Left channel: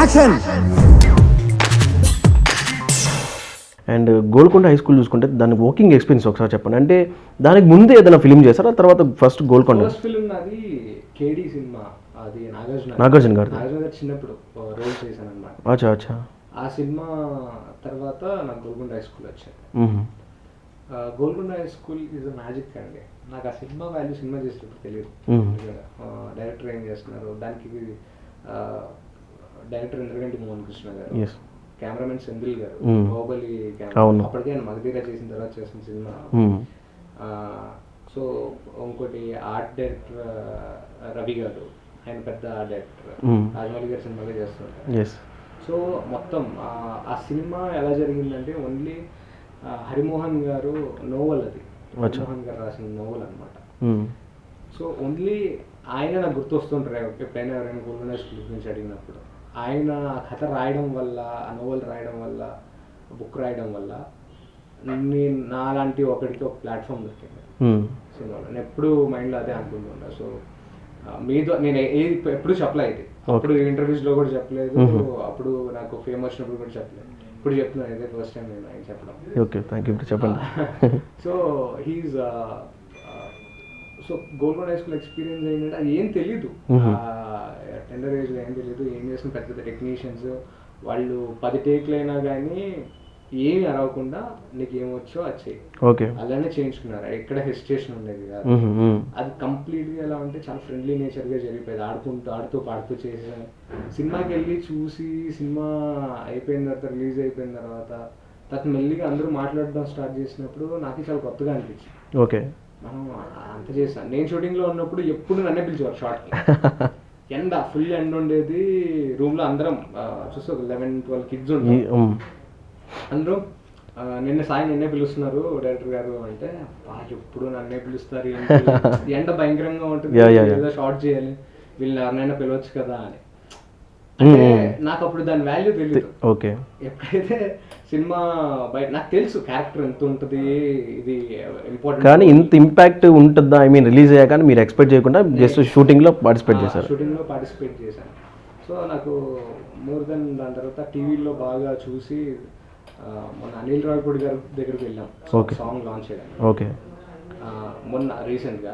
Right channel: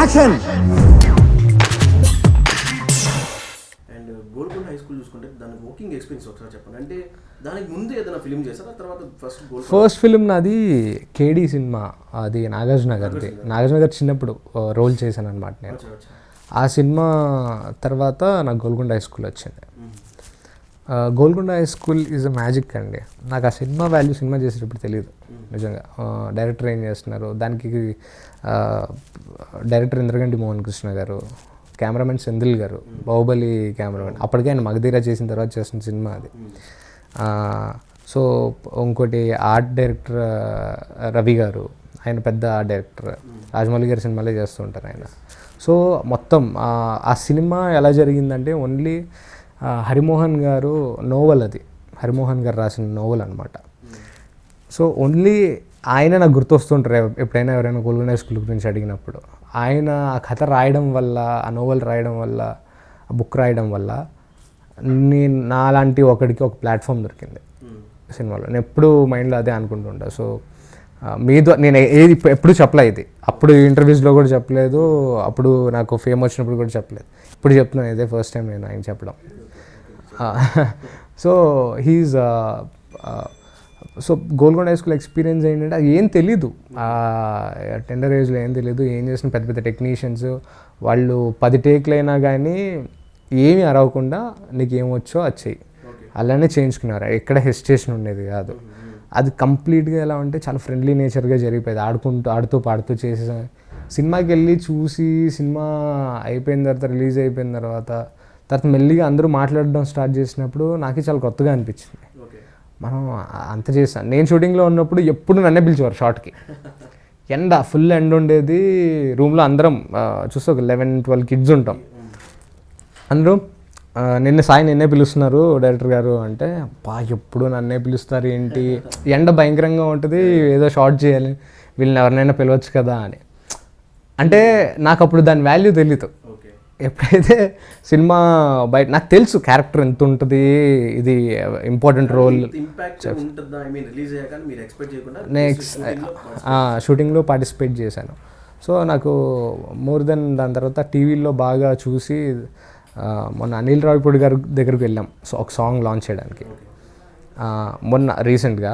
Action. And Golconda high school చూసుకుంటే దాని working experience ఒకసారి చెప్పండి. అంటే దానికి ముందే ఏదైనా ఫిలిం చేస్తారా, తర్వాత ఫస్ట్ గోల్కొండ? ఫస్ట్ ఫిలిం నాది కేడీ సినిమా, అది నాగార్జున గారు చిన్నప్పుడు రోల్ చేశాను అనమాట. అచ్చా అచ్చా. ఆ సినిమా తర్వాత నాకు గోల్కొండ హై స్కూల్ వచ్చింది. Golconda high school is a magic అండి. నాకు ఆ సినిమా వాల్యూ సినిమా చేసేటప్పుడు తెలియదు నిజంగా. డైరెక్టర్ ఏం చేస్తున్నారు దానికి, డైరెక్టర్ ఇంద్రగంటి మోహన్ కృష్ణ గారు, కెమెరామెన్ సెంధిల్ గారు, బాహుబలి కెమెరా, అప్పటికే ఆయన మగధీర చేసిన తర్వాత చేసిన సినిమా అది. సో ఇంకోటి ఆర్ట్ డైరెక్టర్ రవి గారు, ఆయన పెద్ద ఆర్ట్ డైరెక్టర్, రాజమౌళి గారి సినిమాలే చేస్తుంటారు. సో మొత్తం ఆ సినిమా ఎలా జరిగిందంటే ఓన్లీ హరిమోహన్ గారు నోవెల్, అది హరిమోహన్ గారు రాసిన నోవెల్ అనమాట. సో ఓన్లీ ఆయన నాకు గుర్తొస్తుంటారు ఎప్పుడైనా ఎవరైనా గోల్కొండ హై స్కూల్ గురించి అడిగినప్పుడు. ఆయన ఆ కథ రాయడం వల్ల, ఆ నోవెల్ రాయడం వల్ల, ఆ బుక్ రాయడం వల్ల నాలాంటి ఒకడికి ఒక ప్లాట్ఫామ్ దొరికింది సినిమాలో. నేను ఎప్పుడు మైండ్లో అదే అనుకుంటుంటా. సో నేను ఏది ఎప్పుడు చెప్పలే, ఇది అప్పుడు ఇంటర్వ్యూస్లో కూడా చెప్పలేదు, అప్పుడు నాకు ఫేమ్ వచ్చినప్పుడు కూడా చెప్పలేదు. ఇప్పుడు చెప్తున్నాను, ఇదే ఫస్ట్ టైం నేను ఆయన చెప్పడం. ఓకే, థ్యాంక్ యూ చెప్పండి. So Golconda high school experience ఏంటంటే అది ఏం తెలీదు, టెండర్ ఏజ్లో ఏం తెలీదు. ఏం చేసిన పెద్ద పెద్ద టెక్నీషియన్స్ వాళ్ళు 10 టేక్లు అయినా కానీ ఏమీ అరవకుండా నీకు ఏమొచ్చో అది చెయ్యి, ఓకే అలానే చేయించుకున్నారు. ఎక్కడ హెసిటేషన్ ఉండేది కాదు. అది కంప్లీట్గా ఎలా అంటే చాలా ఫ్రెండ్లీ నేచర్గా జరిగిపోయేది. ఆడుతూ పాడుతూ చేసే సినిమాకి వెళ్ళి చూసి, సినిమా అయిపోయిన తర్వాత, రిలీజ్ అయిపోయిన తర్వాత మెల్లిగా అందరూ మాట్లాడడం స్టార్ట్ చేసినప్పుడు నాకే చాలా కొత్తగా అనిపించింది. ఓకే, మనం అంత చేసాం. నేను షూటింగ్లో ఉన్నప్పుడు ఎప్పుడు నన్నే పిలిచేవారు షార్ట్కి. ఫుల్ ఎండ ఉండేది రూమ్లో. అందరం చూస్తే ఒక 11-12 కిడ్స్ ఉంటాం. అందరూ నిన్నే పిలుస్తున్నారు డైరెక్టర్ గారు అంటే, ఎప్పుడు నన్నే పిలుస్తారు ఏంటి, ఎండ భయంకరంగా ఉంటుంది, ఏదో షార్ట్ చేయాలి, వీళ్ళని ఎవరినైనా పిలవచ్చు కదా అని. అంటే నాకు అప్పుడు దాని వాల్యూ తెలీదు. ఓకే, ఎప్పుడైతే సినిమా బయట నాకు తెలుసు క్యారెక్టర్ ఎంత ఉంటుంది, ఇది ఇంపార్టెంట్, కానీ ఇంత ఇంపాక్ట్ ఉంటుందా, ఐ మీన్ రిలీజ్ అయ్యాక మీరు ఎక్స్పెక్ట్ చేయకుండా షూటింగ్లో పార్టిసిపేట్ చేశాను. సో నాకు మోర్ దెన్ దాని తర్వాత టీవీలో బాగా చూసి, మొన్న అనిల్ రావిపూడి గారి దగ్గరికి వెళ్ళాం. సో ఒక సాంగ్ లాంచ్ చేయడానికి. ఓకే, మొన్న రీసెంట్గా